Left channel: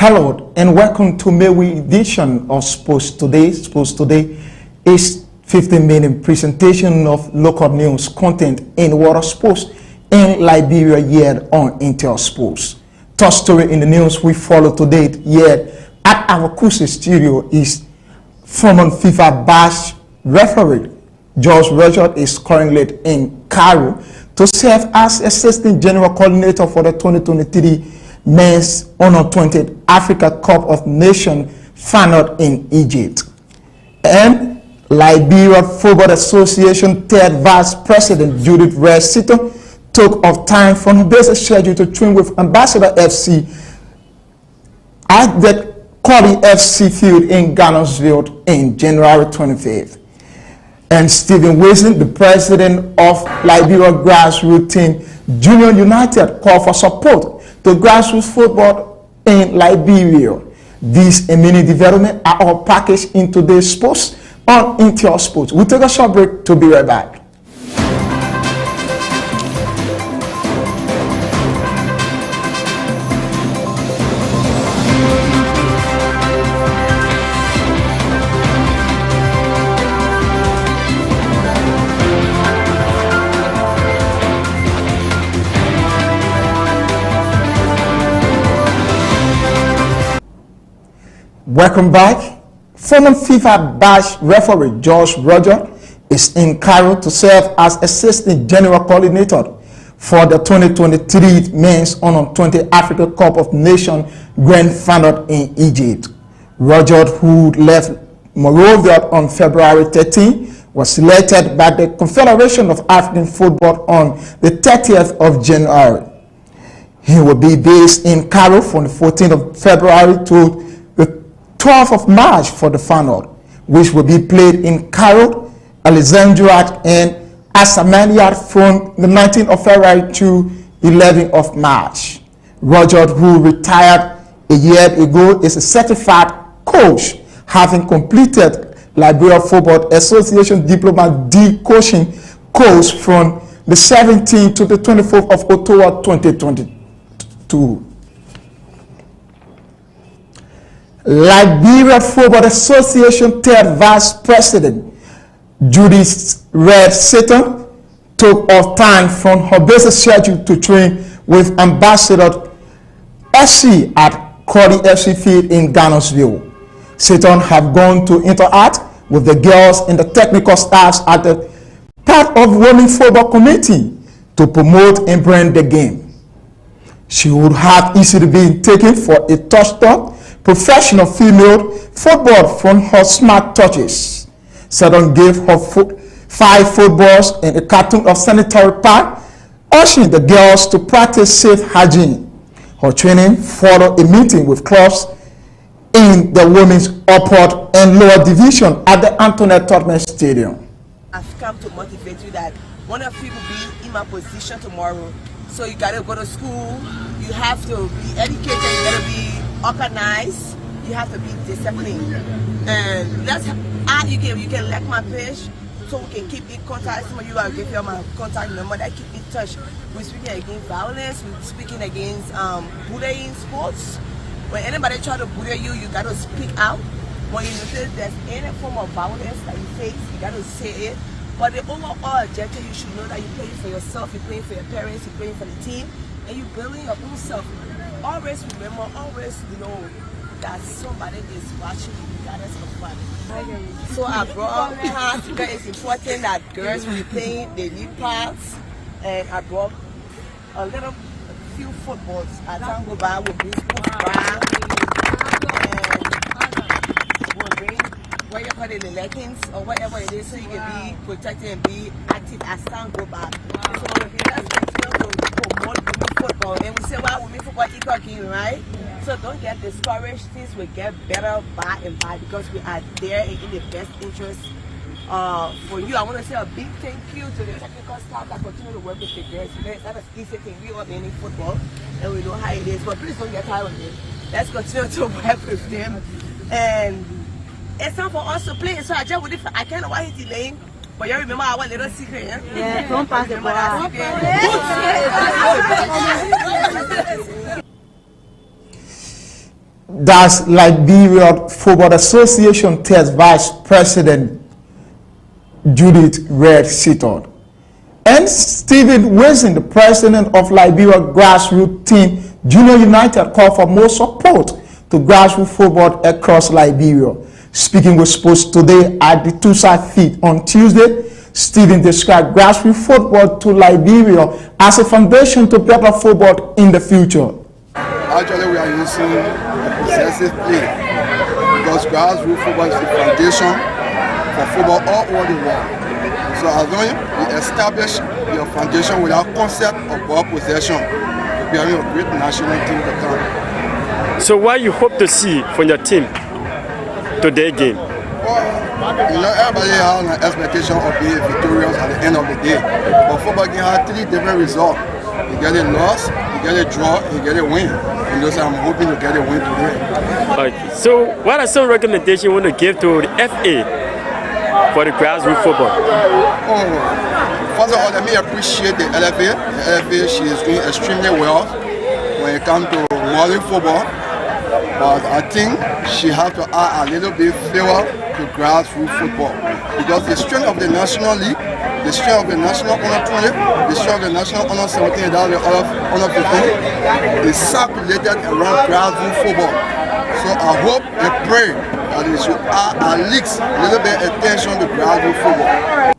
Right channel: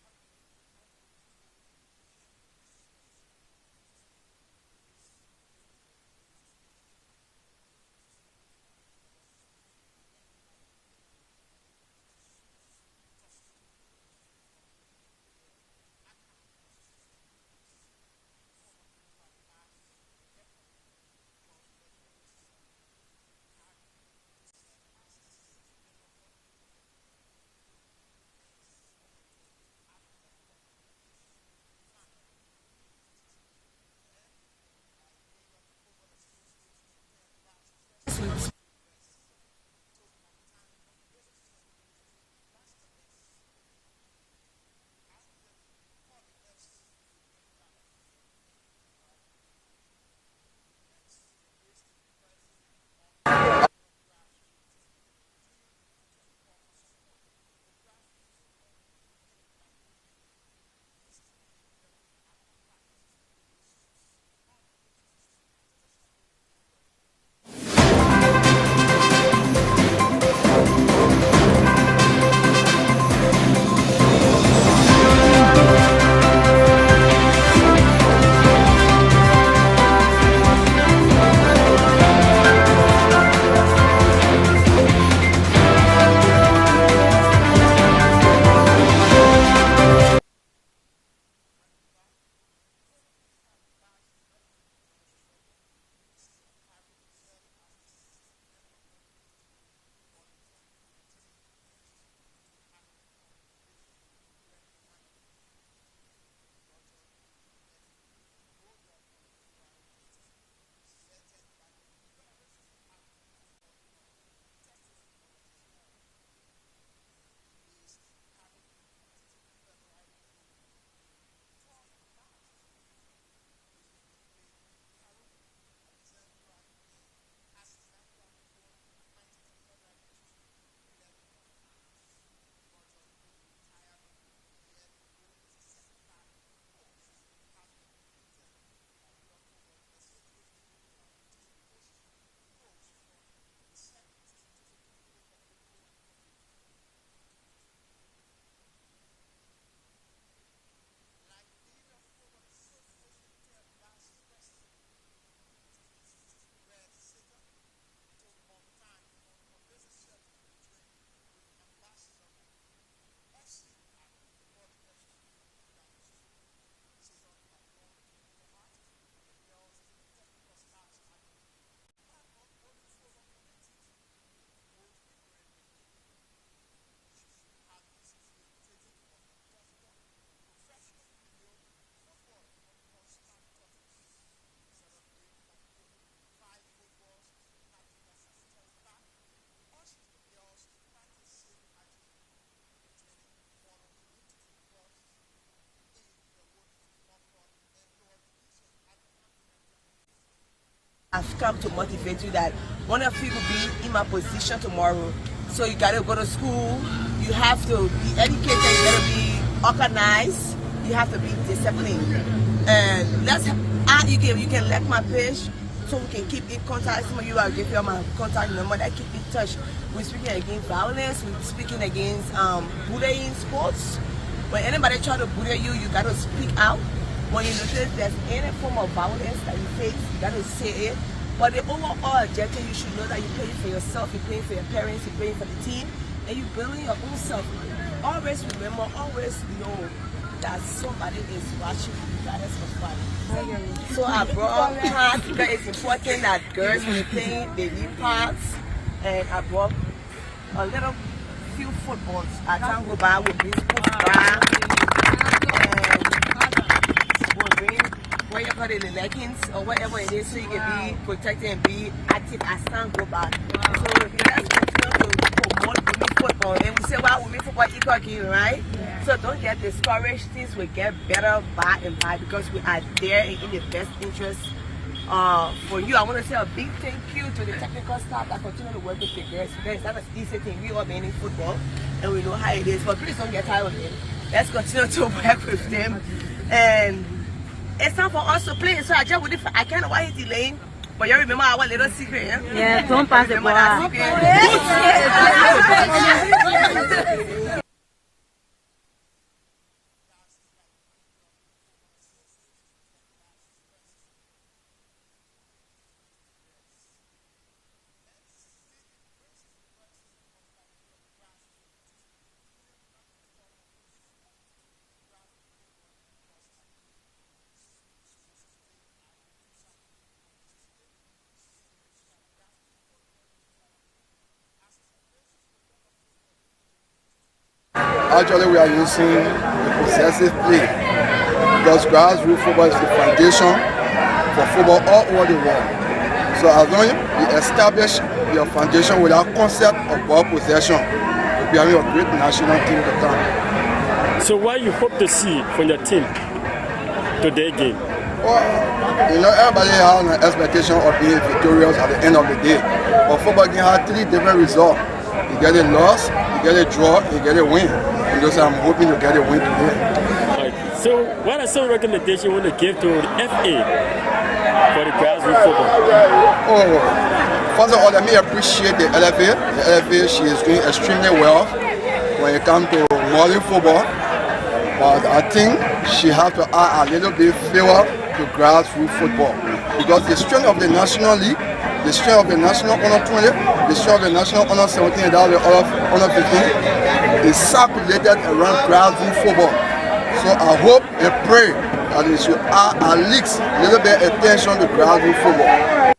Hello and welcome to May edition of Sports Today. Sports Today is 15-minute presentation of local news content in water sports in Liberia here on Intel Sports. Top story in the news we follow today here at our Kusi studio is former FIFA Bash referee George Roger is currently in Cairo to serve as Assistant General Coordinator for the 2023 Men's Under-20 Africa Cup of Nations final in Egypt. And Liberia Football Association third Vice President Judith Red-Sitton took off time from her basic schedule to train with Ambassador FC at the Koli FC field in Ghana's in January 25th. And Stephen Wilson, the president of Liberia grassroots team Junior United, called for support to grassroots football in Liberia. These and many developments are all packaged in today's sports on Intel Sports. We'll take a short break to be right back. Welcome back. Former FIFA Bash referee George Roger is in Cairo to serve as Assistant General Coordinator for the 2023 Men's Under-20 Africa Cup of Nations Grand Final in Egypt. Roger, who left Monrovia on February 13, was selected by the Confederation of African Football on the 30th of January. He will be based in Cairo from the 14th of February to 12th of March for the final, which will be played in Cairo, Alexandria, and Asamania from the 19th of February to 11th of March. Roger, who retired a year ago, is a certified coach, having completed Liberia Football Association Diploma D coaching course from the 17th to the 24th of October 2022. Liberia Football Association third Vice President Judith Red-Sitton took off time from her basic schedule to train with Ambassador FC at Koli FC field in Ghana's. Sitton have gone to interact with the girls and the technical staffs at the part of Women's Football Committee to promote and brand the game. She would have easily been taken for a touchdown professional female football from her smart touches. Sitton gave her 5 footballs and a carton of sanitary pad, urging the girls to practice safe hygiene. Her training followed a meeting with clubs in the women's upper and lower division at the Antoinette Tottenham Stadium. I've come to motivate you that one of you will be in my position tomorrow. So you gotta go to school, you have to be educated, you gotta be organized, you have to be disciplined. And you can like my page so we can keep in contact. Some of you I'll give you my contact number that keep in touch. We're speaking against violence, we're speaking against bullying sports. When anybody try to bully you, you gotta speak out. When you notice there's any form of violence that you face, you gotta say it. But the overall objective, you should know that you're playing for yourself, you're playing for your parents, you're playing for the team, and you're building your own self. Always remember, always know that somebody is watching you regardless of what. So I brought up cards because it's important that girls will play, they need cards, and I brought a little few footballs. I can't go by with this football, and we'll bring what you call it, the leggings or whatever it is, so you can be protected and be active as time go by. So let's continue to promote women football. And we say, well, women football is talking, right? So don't get discouraged. Things will get better by and by because we are there in the best interest for you. I want to say a big thank you to the technical staff that continue to work with the girls. It's not an easy thing. We all been in football and we know how it is, but please don't get tired of it. Let's continue to work with them. And it's time for us to play. So I just would I can't know why he's delaying. But you remember our little secret, yeah? Yeah, don't pass the ball. That's Liberia Football Association tells Vice President Judith Red Seaton. And Stephen Wilson, the president of Liberia grassroots team Junior United, called for more support to grassroots football across Liberia. Speaking with Sports Today at the two-side feed on Tuesday, Stephen described grassroots football to Liberia as a foundation to better football in the future. Actually, we are using a possessive play because grassroots football is the foundation for football all over the world. So as long as you establish your foundation with our concept of ball possession, you'll be having a great national team to come. So what you hope to see from your team today game? Well, you know, everybody has an expectation of being victorious at the end of the day. But football game has 3 different results. You get a loss, you get a draw, you get a win. And those I'm hoping to get a win today. Okay. So what are some recommendations you want to give to the FA for the grassroots football? Oh, first of all, let me appreciate the LFA. The LFA, she is doing extremely well when it comes to modern football. But I think she has to add a little bit favor to grassroots football. Because the strength of the National League, the strength of the National Under 20, the strength of the National Under 17, and the Under 15 is circulated around grassroots football. So I hope and pray that it should add at least a little bit attention to grassroots football.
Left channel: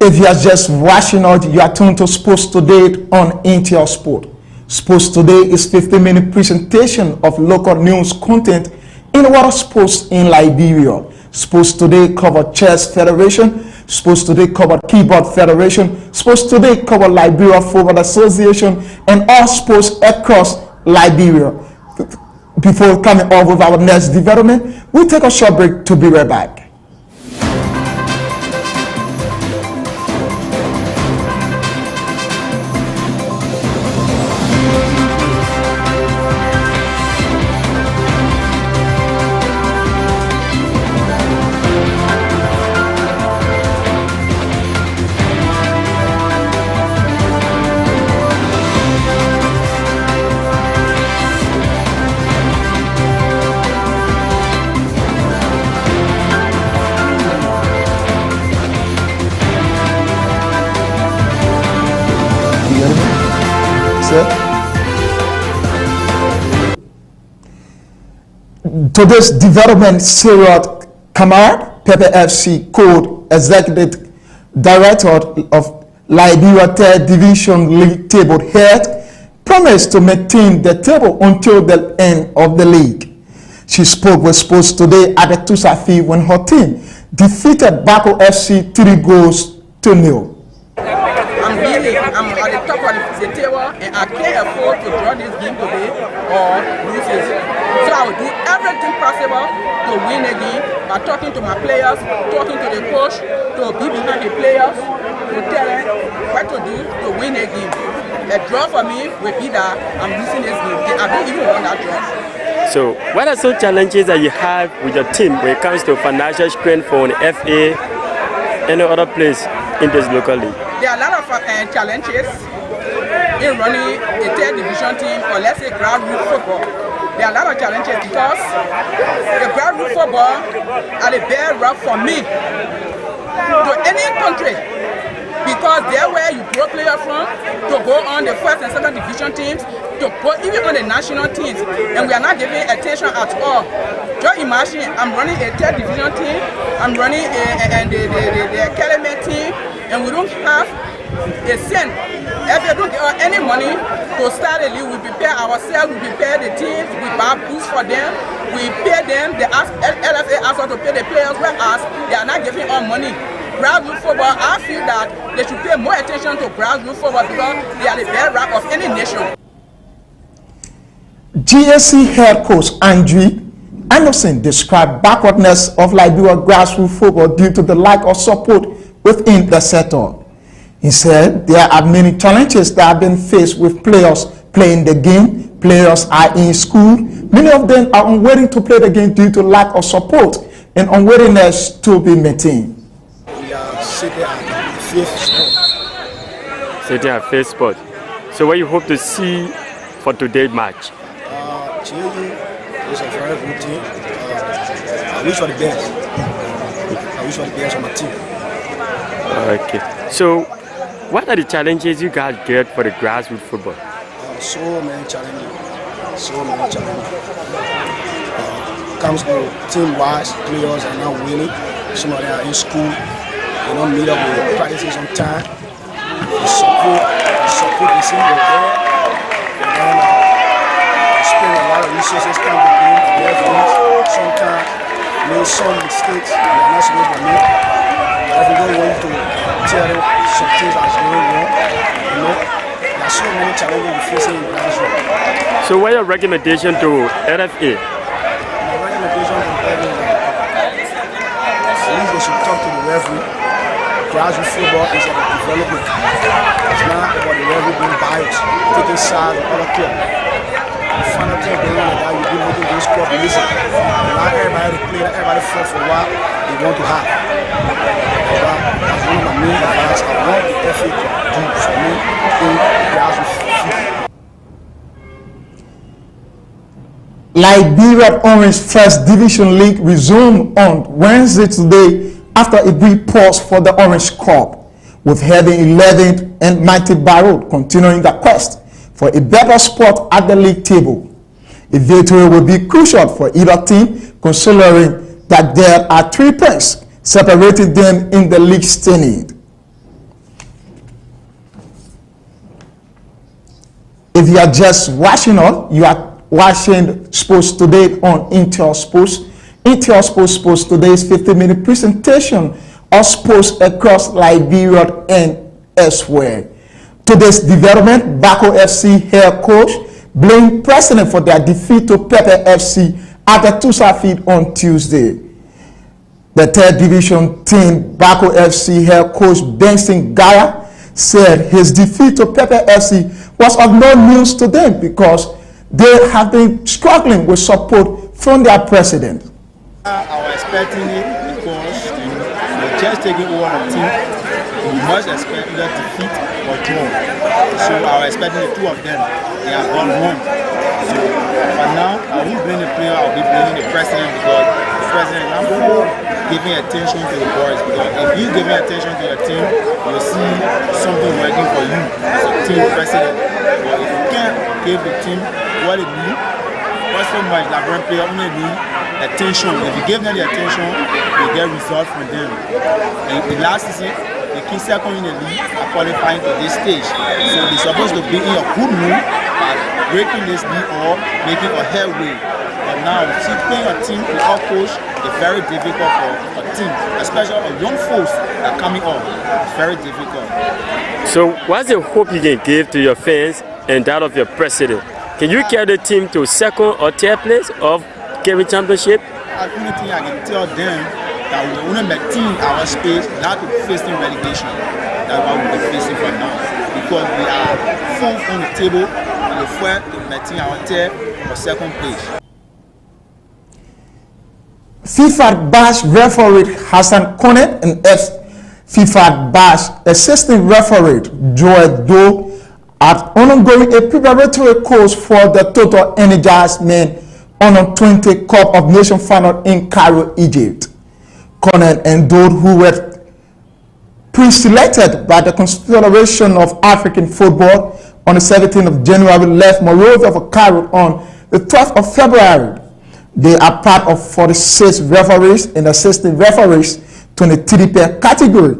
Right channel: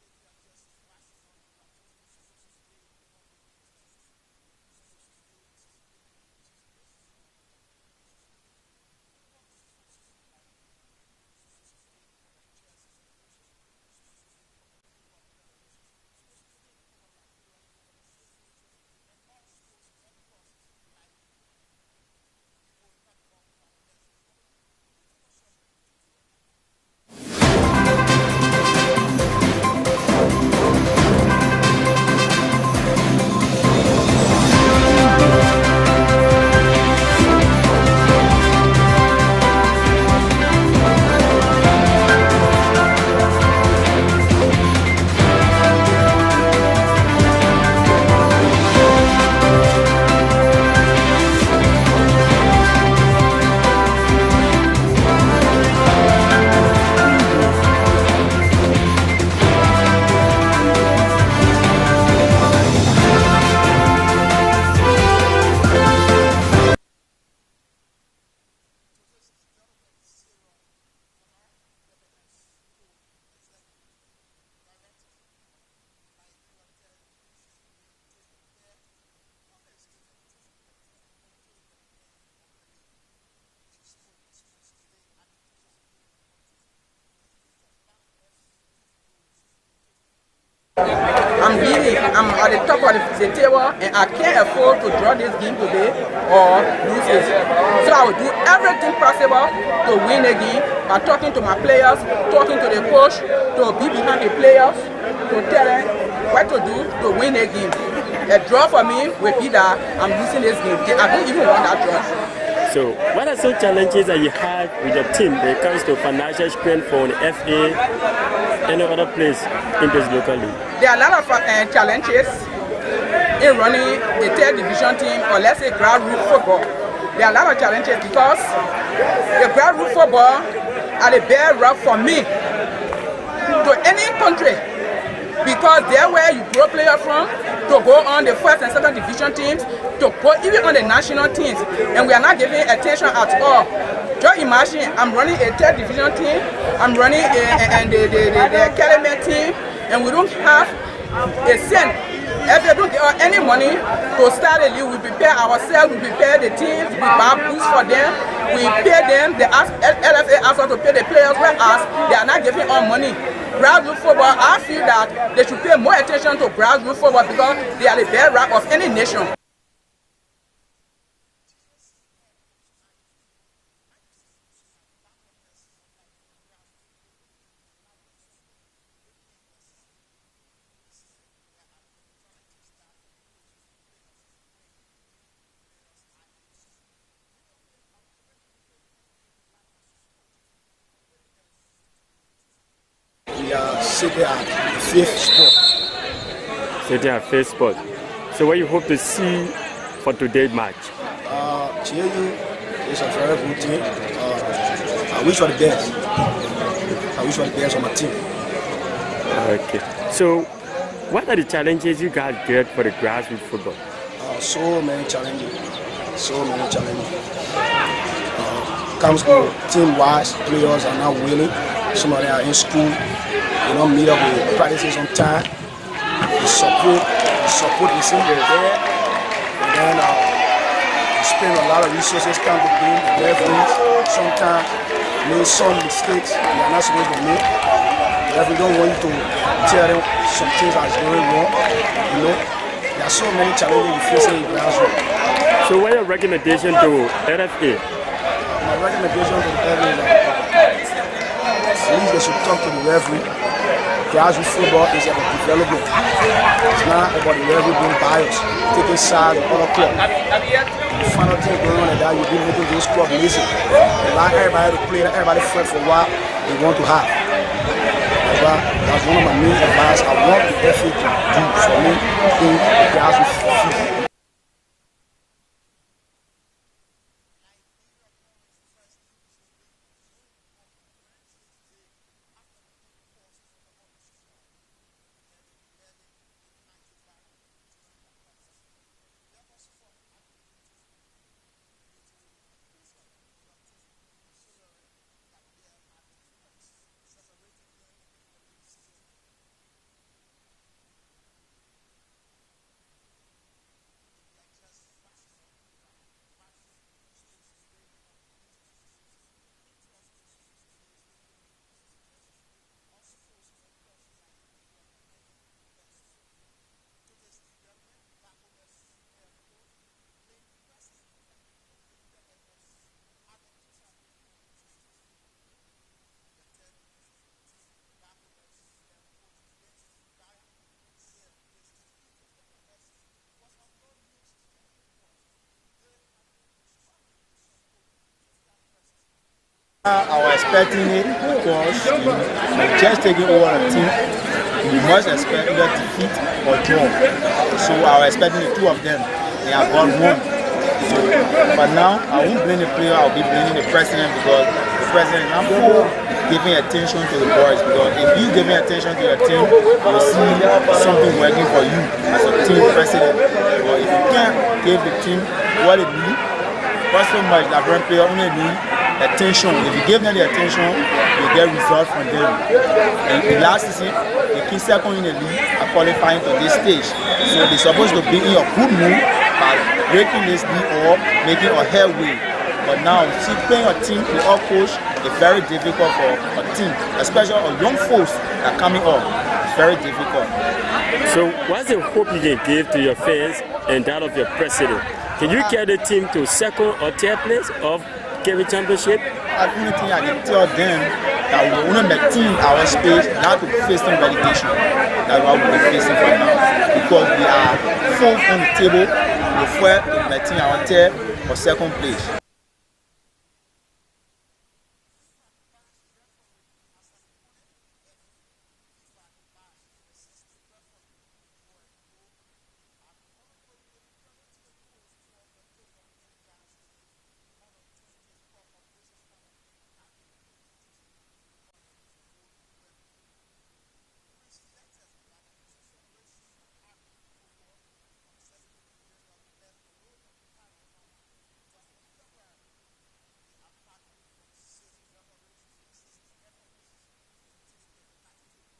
If you are just watching out, you are tuned to Sports Today on Intel Sport. Sports Today is 15-minute presentation of local news content in water sports in Liberia. Sports Today covered Chess Federation. Sports Today covered Keyboard Federation. Sports Today covered Liberia Football Association and all sports across Liberia. Before coming on with our next development, we'll take a short break to be right back. Today's development, Sarah Kamara, Pepe FC Code Executive Director of Liberia 3rd Division League table head, promised to maintain the table until the end of the league. She spoke with Sports Today at the Tusafi when her team defeated Bako FC 3-0. I'm at the top of the table and I can't afford to draw this game today or lose it. So I will do everything possible to win the game by talking to my players, talking to the coach, to be behind the players, to tell them what to do to win the game. A draw for me will be that I'm losing this game. I don't even want that draw. So what are some challenges that you have with your team when it comes to financial strength for the FA and other place in this local league? There are a lot of challenges in running a 3rd division team or let's say grassroots football. There are a lot of challenges because the grassroots football are the bare rough for me to any country because they're where you grow players from to go on the 1st and 2nd division teams, to go even on the national teams, and we are not giving attention at all. Just imagine I'm running a 3rd division team, I'm running the academy team, and we don't have a cent. If you don't get any money to start a league, we prepare ourselves, we prepare the teams, we buy boots for them, we pay them, the LFA asks us to pay the players, whereas they are not giving us money. Grassroots football, I feel that they should pay more attention to grassroots football because they are the bedrock of any nation. GSC head coach Andrew Anderson described backwardness of Liberia grassroots football due to the lack of support within the sector. He said there are many challenges that have been faced with players playing the game. Players are in school. Many of them are unwilling to play the game due to lack of support and unwillingness to be maintained. We are sitting at 5th spot. Sitting at 5th spot. So what you hope to see for today's match? GAU is a very good team. I wish for the best. I wish for the best on my team. Okay. So, what are the challenges you guys get for the grassroots football? So many challenges. So many challenges. Comes to team-wise, players are not willing. Some of them are in school. They don't meet up with practices on time. The support is in there. And then we spend a lot of resources come to game. The referees sometimes make some mistakes they are not supposed to make. The referee don't want you to tell them some things that is going wrong. You know, there are so many challenges we face in the classroom. So what are your recommendation to LFA? My recommendation to the LFA is at least they should talk to the referee. Grassroots football is about development. It's not about the referee being biased, taking sides of other clubs. The final thing going on like that, you'll be making those clubs lazy. Allow everybody to play, let everybody fight for what they want to have. That's one of my main advice I want the FA to do for me in the grassroots football. Liberia Orange First Division League resumed on Wednesday today after a brief pause for the Orange Cup, with heading 11th and Mighty Barrow continuing the quest for a better spot at the league table. A victory will be crucial for either team, considering that there are 3 points separating them in the league standing. If you are just watching us, you are watching Sports Today on Intel Sports. Intel Sports Today's 50-minute presentation of sports across Liberia and elsewhere. Today's development, Bako FC head coach blamed president for their defeat to Pepe FC at the Tusa field on Tuesday. The third division team, Bako FC head coach Benson Gaya, said his defeat to Pepe FC was of no news to them because they have been struggling with support from their president. I was expecting it because you're just taking over a team. You must expect either defeat or draw. So I was expecting the 2 of them. They have gone wrong. So, but now I won't blame the player. I'll be blaming the president because the president is not giving attention to the boys. Because if he's giving attention to your team, you'll see something working for you as a team president. But if you can't give the team what it needs, first so much Liberian player only need attention. If you give them the attention, you get results from them. And in last season, they came second in the league are qualifying to this stage. So they're supposed to be in a good mood by breaking this league or making a headway. But now, see, playing a team without coach is very difficult for a team, especially a young folks that are coming up. It's very difficult. So what's the hope you can give to your fans and that of your president? Can you carry the team to 2nd or 3rd place of Kevin Championship? The only thing I can tell them that we want to maintain our space, not to facing relegation. That's what we're facing for now. Because we are 4th on the table, we're 4th to maintain our 3rd or 2nd place. FIFA Bash referee Hassan Konet and FIFA Bash assistant referee Joel Doe are undergoing a preparatory course for the Total Energized Men Under 20 Cup of Nations final in Cairo, Egypt. Konet and Doe, who were pre-selected by the Confederation of African Football on the 17th of January, left Monrovia for Cairo on the 12th of February. They are part of 46 referees and assistant referees, 23 per category,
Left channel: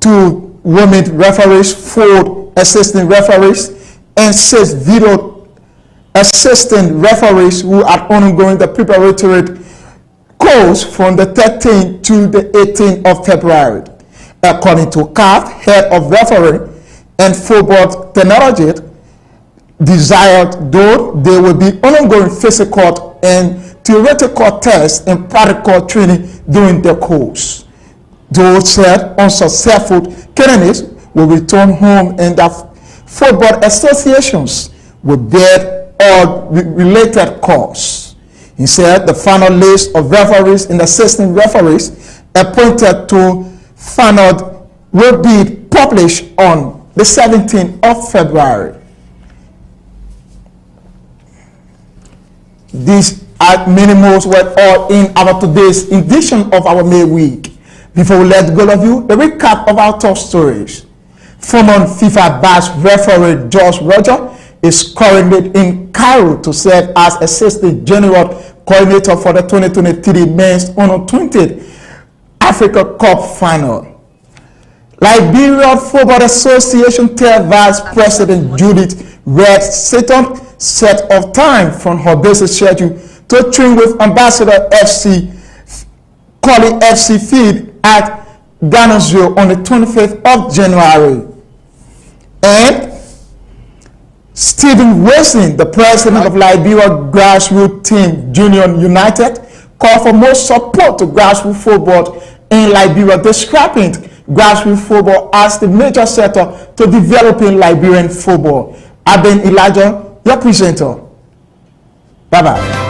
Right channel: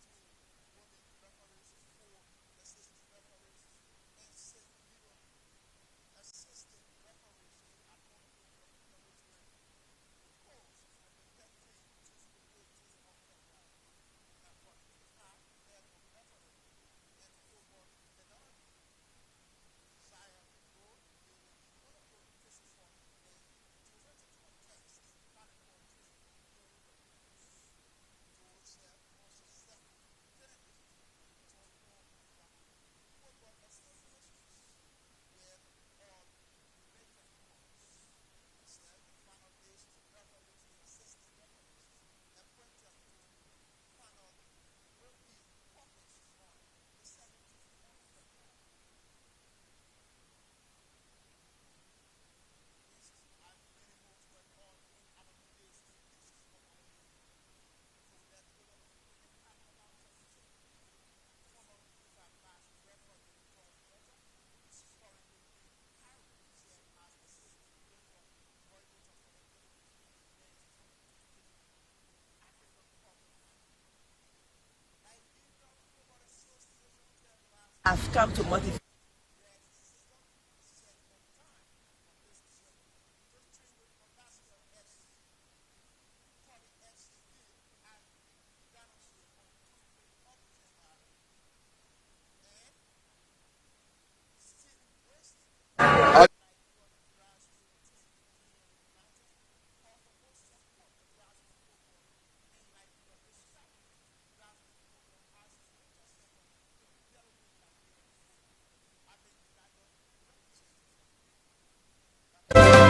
2 women referees, 4 assistant referees, and 6 video assistant referees who are undergoing the preparatory course from the 13th to the 18th of February. According to CAF, head of referee and football technology, desired though they will be ongoing physical and theoretical tests and practical training during the course. Those said unsuccessful candidates will return home and the football associations will bear all related costs. He said the final list of referees and assistant referees appointed to final will be published on the 17th of February. These are many more were all in our today's edition of our May Week. Before we let go of you, a recap of our top stories. Former FIFA Bash referee George Roger is currently in Cairo to serve as Assistant General Coordinator for the 2023 Men's Under-20 Africa Cup Final. Liberia Football Association tell Vice President Judith Red Seton set of time from her basic schedule to train with Ambassador FC Collie FC Feed at Ghana's on the 25th of January. And Stephen Wilson, the president of Liberia grassroots team Junior United, called for more support to grassroots football in Liberia, describing grassroots football as the major sector to developing Liberian football. I've been Elijah, your presenter. Bye-bye.